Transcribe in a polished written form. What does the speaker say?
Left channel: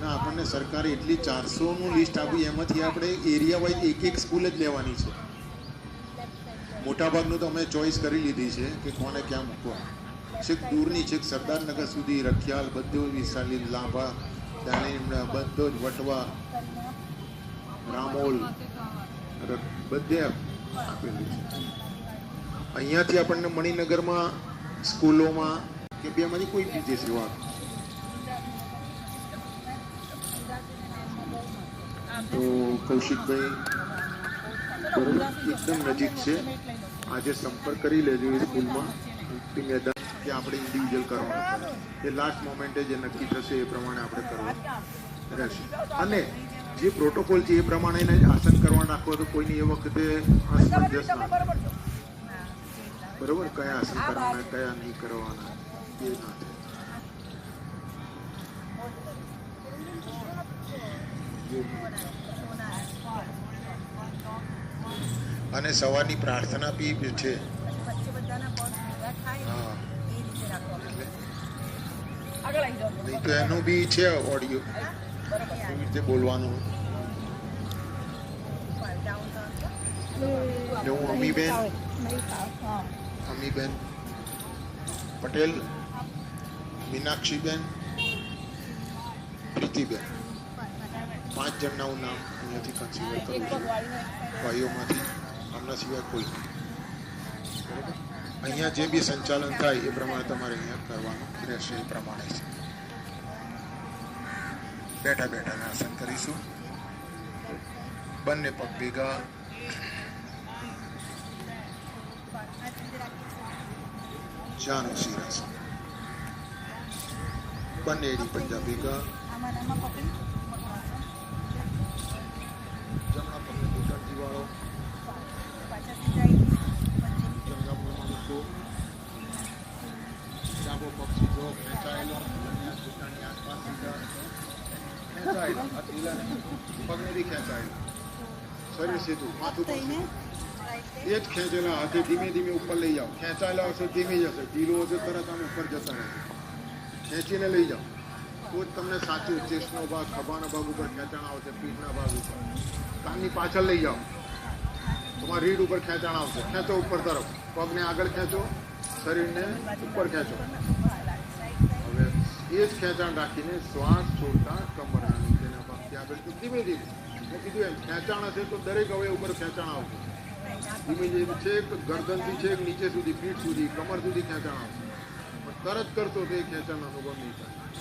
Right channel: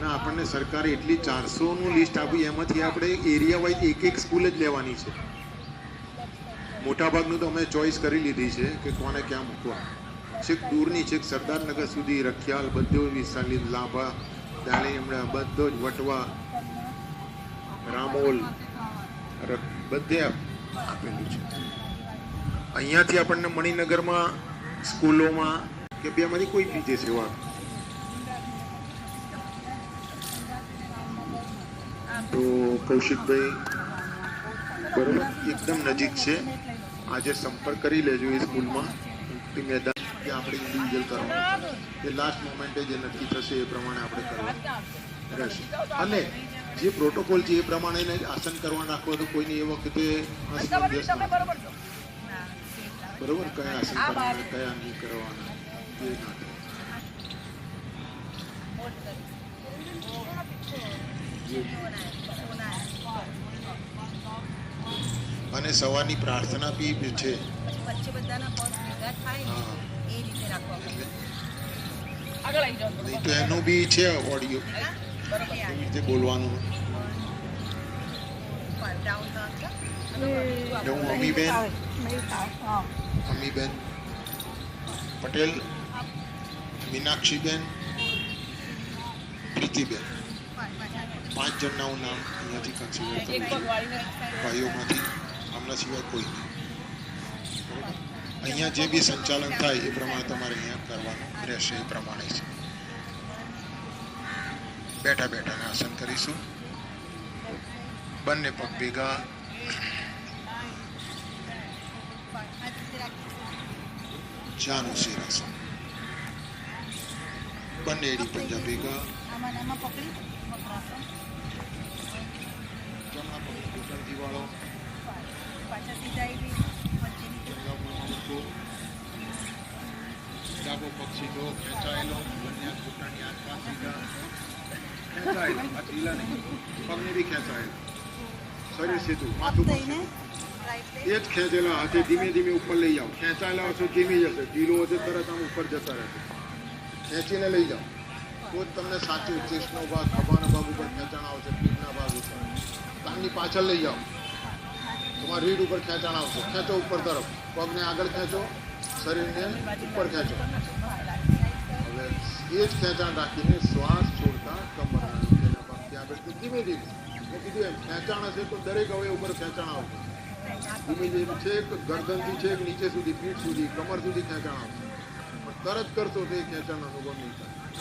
ના આપણને સરકારે એટલી 400નું લિસ્ટ આપ્યું, એમાંથી આપણે એરિયા વાઇઝ એક સ્કૂલ જ લેવાની છે. મોટાભાગનું તો અમે ચોઈસ કરી લીધી છે કે કોને ક્યાં મૂકવા. છેક દૂરની છેક સરદારનગર સુધી, રખિયાલ, બધો વિશાલી, લાંબા, દાણીમડા, બધો જ વટવા, રામોલ બધે આપેલું છે. અહીંયાથી આપણને મણિનગરમાં સ્કૂલોમાં કે બેમાંથી કોઈ બી જે સેવા તો કૌશિકભાઈ બરોબર એકદમ નજીક છે. આજે સંપર્ક કરી લેજો એ સ્કૂલમાં મેદાન કે આપણે ઇન્ડિવિજ્યુઅલ કરવાનું કે લાસ્ટ મોમેન્ટે જે નક્કી થશે એ પ્રમાણે આપણે કરવાનું રહેશે. અને જે પ્રોટોકોલ છે એ પ્રમાણે આસન કરવા નાખો તો કોઈની એ વખતે અસમંજસ ના બરોબર કયા આસન કરવાના કયા નહીં કરવાના એ અને સવારની પ્રાર્થના બી છે. વચ્ચે બધાના પગ ભેગા થાય ને એ રીતે રાખવા પડે. નહીં તો એનું બી છે ઓડિયો રીતે બોલવાનું. અમીબેન પટેલ, મીનાક્ષીબેન, પ્રીતિબેન, 5 જણના નામ અહીંયાથી કન્સિડર કરો ભાઈઓમાંથી, એમના સિવાય કોઈ નહીં. અહીંયા જે બી સંચાલન થાય એ પ્રમાણે તમારે અહીંયા કરવાનું રહેશે. એ પ્રમાણે છે. બેઠા બેઠાના આસન કરીશું. બંને પગ ભેગા, જાનું શિરાસન, બંને એડી પંજા ભેગા, ડાબો પગ સીધો ખેંચાયેલો, બંને ઘૂંટણની આસપાસ સીધા ખેંચાયેલા, હાથ ઢીલા નહીં, પગને બી ખેંચાયેલા, શરીર સીધું, માથું પણ સીધું. એ જ ખેંચેલા હાથે ધીમે ધીમે ઉપર લઈ જાઓ. ખેંચાયેલા હશે ધીમે જશે, ઢીલું હશે તરત આમ ઉપર જતો રહેશે. ખેંચીને લઈ જાઓ તો જ તમને સાચું ચેસ્ટનો ભાગ, ખભાના ભાગ ઉપર ખેંચાણ આવશે, પીઠના ભાગ ઉપર. કાનની પાછળ લઈ જાઓ, તમારા રીઢ ઉપર ખેંચાણ આવશે. ખેંચો ઉપર તરફ, પગને આગળ ખેંચો, શરીરને ઉપર ખેંચો. હવે એ જ ખેંચાણ રાખીને શ્વાસ છોડતા કમરના નીચેના પગથી આગળ ધીમે ધીમે ખેંચાણ હશે તો દરેક હવે ઉપર ખેંચાણ આવશે. ધીમે ધીમે છેક ગરદનથી છેક નીચે સુધી, પીઠ સુધી, કમર સુધી ખેંચાણ આવશે. તરત કરશો તો એ ખેંચાણ અનુભવ નહીં થાય.